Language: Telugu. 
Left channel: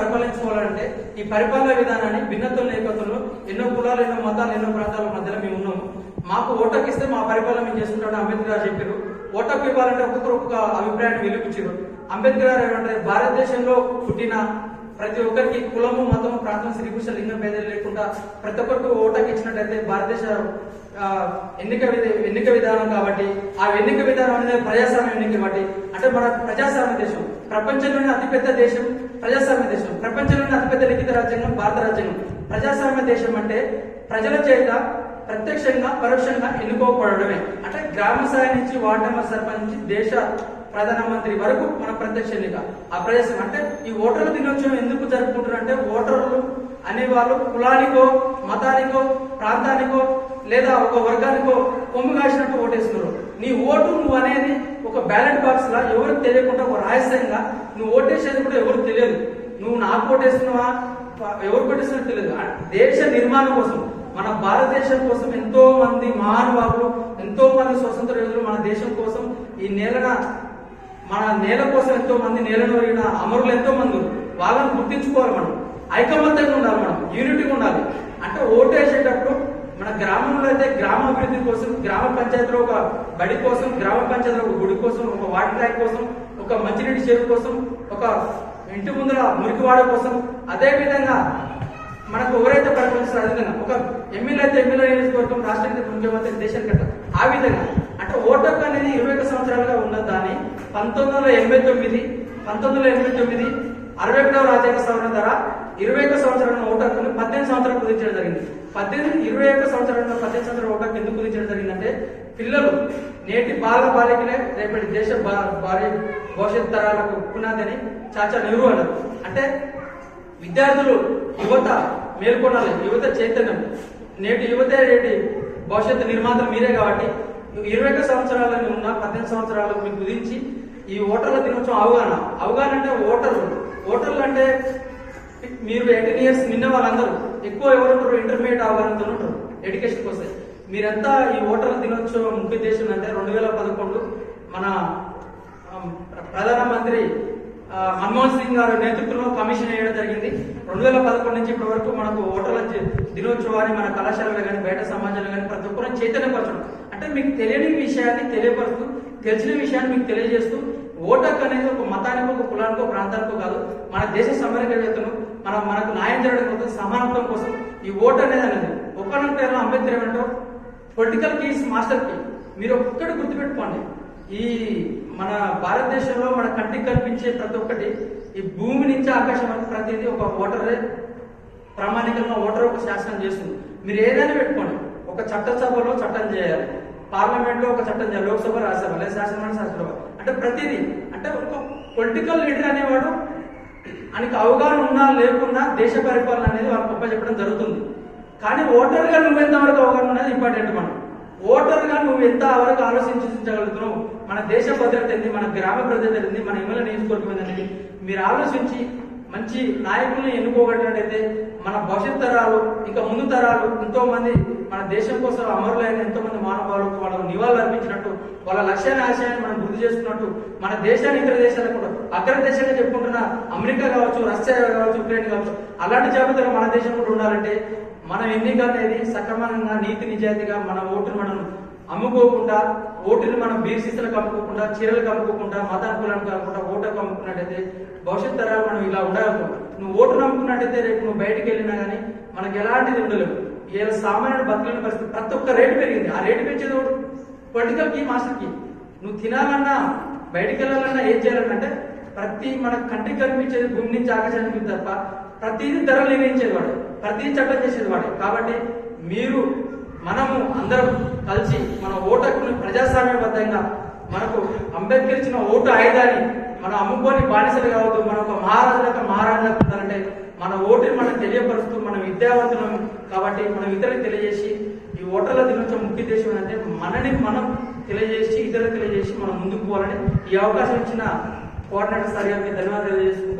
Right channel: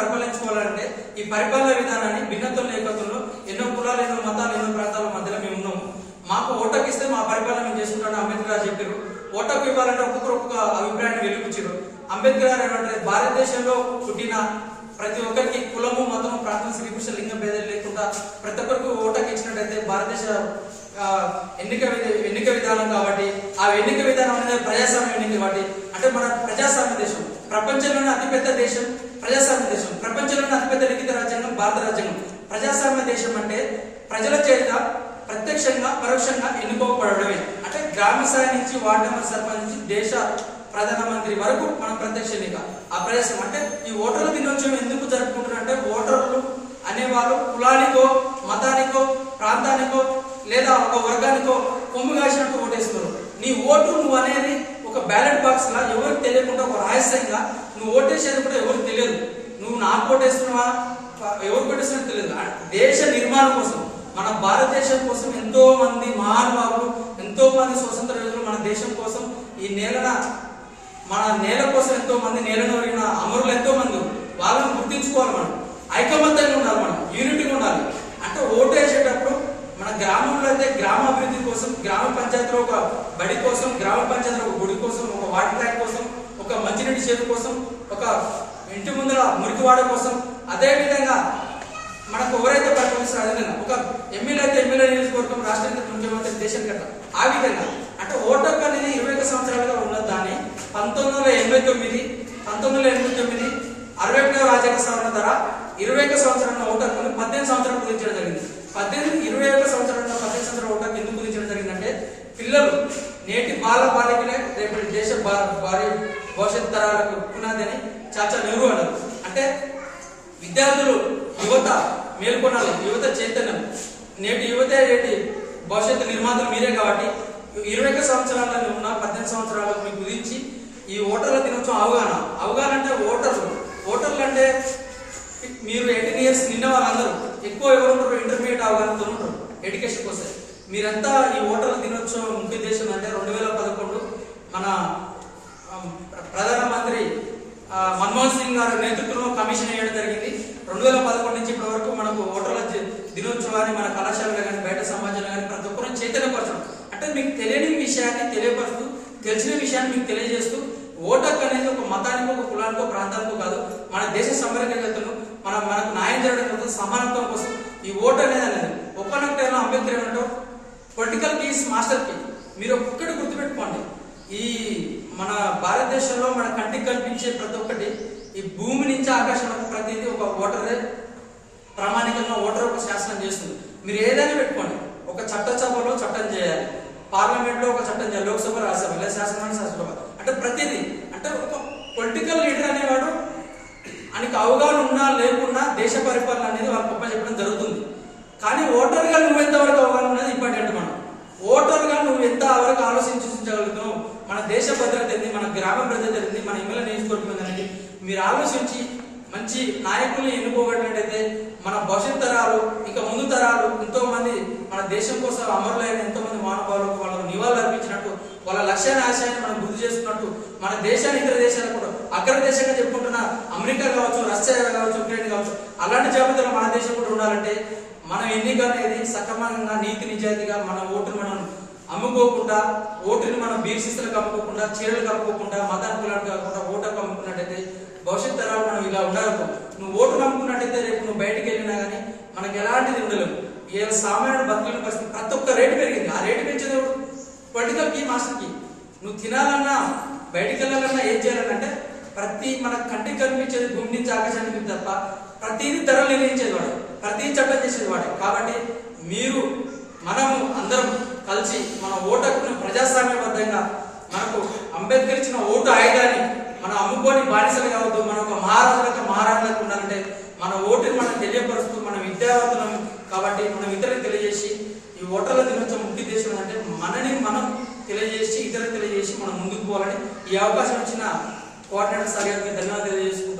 పరిపాలించుకోవాలంటే ఈ పరిపాలన విధానాన్ని భిన్నత్వం లేకపోతే ఎన్నో కులాలు ఎన్నో మతాలు ఎన్నో ప్రాంతాల మధ్యలో మేము ఉన్నాము. మాకు ఓటకు ఇస్తే మా పరిపాలన చేస్తుంటాడు అంబేద్కర్ గారు చెప్పారు. ఓటకు ఇవ్వాలంటే ఒక్కొక్కరు ఒక్కొక్క అభిప్రాయాన్ని వెలిపించారు. అంబేద్కర్ గారు ఏమంటారు భారతదేశంలో పుట్టిన ప్రతి ఒక్కరికి కులము మతము ప్రాంతం శ్రీకృష్ణ లింగం భేదాలు లేకుండా ప్రతి ఒక్కరికి ఓటకు ఇచ్చినట్టయితే భారతదేశ ఎన్నిక ఎన్నిక విధానం కాబట్టి ఆ ఎన్నిక విధానం అనేది ప్రజాస్వామ్య ఎన్నిక కాబట్టి అంటే మన ప్రజాస్వామ్య దేశం. ప్రపంచంలోనే అతిపెద్ద దేశం ప్రజాస్వామ్య దేశం ప్రపంచంలోనే అతిపెద్ద లిఖిత రాజ్యాంగం భారత రాజ్యాంగం ప్రజాస్వామ్య దేశం అంటే ప్రజల చేత ప్రత్యక్షంగా పరోక్షంగా ఎన్నుకోబడమే అంటే గ్రామ స్థాయి నుంచి వార్డు మెంబర్ సర్పంచ్ నుంచి దేశ ప్రధానమంత్రి వరకు మన ప్రత్యక్ష ఎన్నిక. ఆ ప్రజాస్వామ్యం అంటే ఈ ఓటర్ల దినోత్సవం ఎందుకు జరుపుకుంటున్నారంటే ఓటర్లు అనేవాళ్ళు కులానికో మతానికో ప్రాంతానికో లేదా ఒక వర్గానికో కొమ్ము కాసినట్టు ఓటేస్తున్నారు. నీ ఓటు నువ్వు అనేది ఒక బ్యాలెట్ బాక్స్ లా ఎవరికి తెలియకుండా ఒక రహస్యంగా నువ్వు ఓటేసేది కూడా ఎవరికి తెలియదు. నువ్వు నాకు ఓటేస్తున్నావా? ఎవరు ఎవరికి ఓటేస్తున్నా దేశ నిర్మాణం కోసం మన భారతదేశం కోసం ఎంతో మంది మహానుభావులు ఎంతో మంది స్వతంత్ర యోధులు మన దేశం కోసం ఈ నేలన మన నేల కోసం ఎంతో మంది నేలను అమరులు ఎంతో మంది వాళ్ళని గుర్తించుకోవాలి మనం. ఐకమత్యంగా ఉండాలి మనం. యూనిటీగా ఉండాలి. అంటే ఓటు వేసేటప్పుడు మన గ్రామంలో అయితే గ్రామ అభివృద్ధి కోసం గ్రామ పంచాయతీలో ఒక బడి కోసం గ్రామ పంచాయతీలో ఒక గుడి కోసం ఒక వాటర్ ట్యాంక్ కోసం ఒక మంచినీటి చేరు కోసం ఒక ఇంటి ముందర మురికివాడ కోసం అదే విధంగా మనకు ఎవరైతే పరిపాలిస్తారో అదే ఒక ఎమ్మెల్యే అయితే ఎమ్మెల్యే నియోజకవర్గం రాష్ట్రానికి ముఖ్యమంత్రి దేశం కట్ట. ఆ విధంగా అంటే ఓటర్ అనేది ఇరవై ఒక సంవత్సరాలుగా ఉన్న దాన్ని పంతొమ్మిది వందల ఎనభై తొమ్మిది పంతొమ్మిది వందల ఎనభై తొమ్మిది అరవై ఒకటవ రాజ్యాంగ సవరణ ద్వారా ఇరవై ఒక సంవత్సరాల ఓటర్ హక్కును పద్దెనిమిది సంవత్సరాలు కుదించడం జరిగింది. పద్దెనిమిది ఇరవై ఒక సంవత్సరాల పద్దెనిమిది సంవత్సరాల ఓటర్ హక్కు ఎందుకు కుదించడం జరిగిందంటే పిల్లలు నేటి బాల బాలికలే రేపటి దేశ భారీ భవిష్యత్ తరాలకు పునాదని చాచా నెహ్రూ అన్నారు. అంటే విద్యార్థులు యువత మేల్కొనాలి. యువత చైతన్యం. నేటి యువత నేటి భవిష్యత్తు నిర్మాతలు మీరే కాబట్టి ఇరవై ఒక సంవత్సరాలలో ఉన్న పద్దెనిమిది సంవత్సరాలు మీకు విధించి ఈ ఓటర్ల దినోత్సవం అవగాహన. అవగాహన అంటే ఓటర్లు ఓటర్లు అంటే మీరు ఎయిటీన్ ఇయర్స్ నిన్న వాళ్ళందరూ. ఎక్కువ ఎవరు ఉంటారు ఇంటర్మీడియట్ అవగాహనతో ఉంటారు. ఎడ్యుకేషన్ కోసం మీరంతా ఈ ఓటర్ల దినోత్సవం ముఖ్య ఉద్దేశం అంటే రెండు వేల పదకొండు మన ఆ, ప్ర- ప్రధానమంత్రి ఆ, మన్మోహన్ సింగ్ గారి నేతృత్వంలో కమిషన్ వేయడం జరిగింది రెండు పదకొండు నుంచి ఇప్పటి వరకు మనకు ఓటర్ల దినోత్సవాన్ని మన కళాశాలలో కానీ బయట సమాజంలో కానీ ప్రతి ఒక్కరిని చైతన్యపరచడం అంటే మీకు తెలియని విషయాన్ని తెలియపరుస్తూ తెలిసిన విషయాన్ని మీకు తెలియజేస్తూ ఓటర్ అనేది ఒక మతానికో ఒక కులానికో ప్రాంతానికో కాదు. మన దేశ సమరకర్తను మన మనకు న్యాయం జరగడం కోసం సమానత్వం కోసం ఈ ఓటు అనేది అనేది. ఒకనంటే అంబేద్కర్ ఏమంటో పొలిటికల్ కేస్ మాస్టర్కి మీరు ఒక్కటి గుర్తుపెట్టుకోండి. ఈ మన భారతదేశంలో మన కంటికి కనిపించే ప్రతి ఒక్కటి ఈ భూమి నుంచి ఆకాశం వరకు ప్రతిదీ ఒక ఓటరే. ప్రామాణికంగా ఓటర్ ఒక శాసనం చేస్తుంది. మీరు ఏదైనా పెట్టుకోండి. ఒక చట్టసభలో చట్టం చేయాలి. పార్లమెంట్లో ఒక చట్టం చేయాలి. లోక్సభ రాజ్యసభ లేదా శాసనమండలి శాసనసభ. అంటే ప్రతిదీ. అంటే ఒక పొలిటికల్ లీడర్ అనేవాడు ఆయనకి అవగాహన ఉన్నా లేకున్నా దేశ పరిపాలన అనేది వాళ్ళకి గొప్ప చెప్పడం జరుగుతుంది. కానీ ఓటర్గా నువ్వు ఎంతవరకు అవగాహన అనేది ఇంపార్టెంట్ మనం. ఓటర్గా నువ్వు ఎంత వరకు ఆలోచించగలుగుతున్నావు మన దేశ భద్రత ఏంది? మన గ్రామ భద్రత ఏంది? మన ఎమ్మెల్యే నియోజకవర్గం ఏంది మీరు ఆలోచించి మంచి నాయకుల్ని ఎన్నుకోగలిగినట్టయితే మన భవిష్యత్ తరాలు ఇంకా ముందు తరాలు ఎంతో మంది మన దేశం కోసం అమరులైన ఎంతో మంది మానవాళులకు వాళ్ళకు నివాళులు అర్పించినట్టు వాళ్ళ లక్ష్యాన్ని ఆశయాన్ని మనం గుర్తు చేసుకున్నట్టు మన దేశాన్ని ఇతర దేశాలకు కూడా అగ్ర దేశంగా చెప్పుకుంటున్న అమెరికా కావచ్చు రష్యా కావచ్చు ఉక్రెయిన్ కావచ్చు అలాంటి జాబితాలు మన దేశం కూడా ఉండాలంటే మన ఎన్నిక అనేది సక్రమంగా నీతి నిజాయితీగా మన ఓటు మనం అమ్ముకోకుండా ఓటుని మనం బీర్సిస్తులకు అమ్ముకోకుండా చీరలకు అమ్ముకోకుండా మతానికి కులానికి కాకుండా ఓటు అమ్ముకున్నట్టయితే భవిష్యత్ తరాలు మనం ఇలా ఉండగలుగుతాం నువ్వు ఓటు నమ్ముకున్నట్టయితే రేపు నువ్వు బయటికి వెళ్ళినా కానీ మనకు ఎలాంటిది ఉండలేవు ఇలా సామాన్యుడు బతకలేని పరిస్థితి. ప్రతి ఒక్క రేటు పెరిగింది. ఆ రేటు పెంచేది ఎవడు పొలిటికల్కి మాస్టర్కి నువ్వు తినాలన్నా బయటికి వెళ్ళాలన్నా ఏం చేయాలంటే ప్రతి మన కంటికి కనిపించేది భూమి నుంచి ఆకాశానికి తప్ప ప్రతిదీ ధర నిర్ణయించేది వాడు. ప్రతి చట్టం చేసేది వాడు. కాబట్టి మీరు మనము అందరం కలిసి మన ఓటకుని ప్రజాస్వామ్యబద్ధంగా మనకు అంబేద్కర్ ఇచ్చిన ఓటు ఆయుధాన్ని మనం అమ్ముకొని బానిసలు కావద్దు మన ఒక మహారాజులకు మహారాజులకు ఉండాలంటే మన ఓటుని మనం తెలియపరుస్తూ మన విద్యావంతులం కాబట్టి మనం ఇతరులకు తెలియజేసి ఈ ఓటర్ల దినోత్సవం ముఖ్య ఉద్దేశం ఏంటంటే మనని మనం తెలియజేసి ఇతరులకు తెలియజేసి మనం ముందుకు పోవాలని ఈ అవకాశం ఇచ్చిన కోఆర్డినేటర్ సార్ గారికి ధన్యవాదాలు తెలియజేసుకుంటూ